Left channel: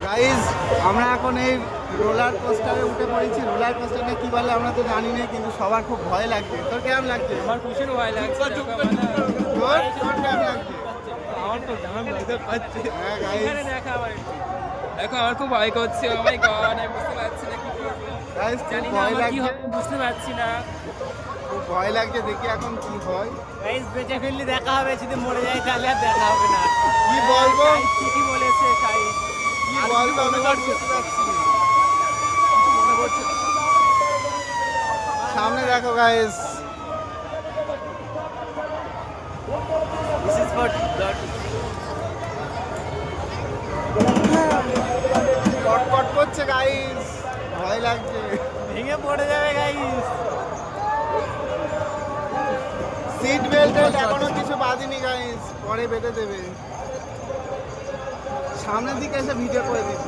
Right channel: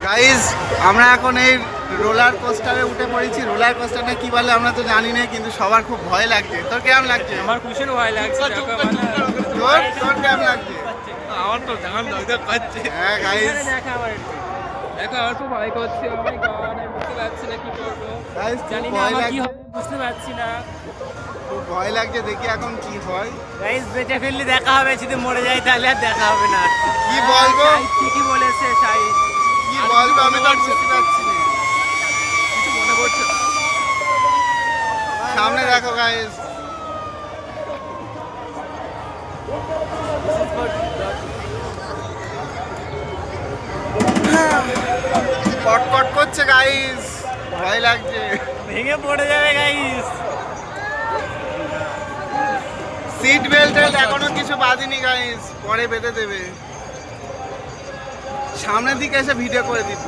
Guys আমরা এখন এই রোলার কোস্টারে উঠে পড়েছি। রোলার কোস্টারটা কি বলে আমরা তো জানি না কিন্তু সবার খুব ভয় লাগছে। তোর কেমন লাগছে? আমার ভীষণ ভয় লাগছে দেখো তোর? তোর কেমন লাগছে? আমার তো জান লাগতে পাচ্ছে। হ্যাঁ গাইজ দেখো আমার। খুব ভয় করছে। ও মাই গড আমি বুঝতে পারছি না কি করব। গাইজ খুব জানি না ভয় লাগছে। বুঝতে পারছি না। খুব ভয় লাগছে দেখি এখন কি হয়। গাইস বেঁচে ফেললে দেখা হবে যদি মরে যাই তাহলে আর দেখা হবে না। কি বলব? ঠিকই বলেছে। সাই কি বলব আমি তো বুঝতে পারছি না কিছু মনে পড়ছে না। সামনে দেখো গাইজ কটকট করছে গাইজ ভয় লাগছে। ভেঙে পড়ে যাবে গাইস সিট বেল্ট এখনও কিছু বাঁধিনি গাইজ পরে বেঁধে দেবে। সামনের দিকে এসে ভিডিও করে দিত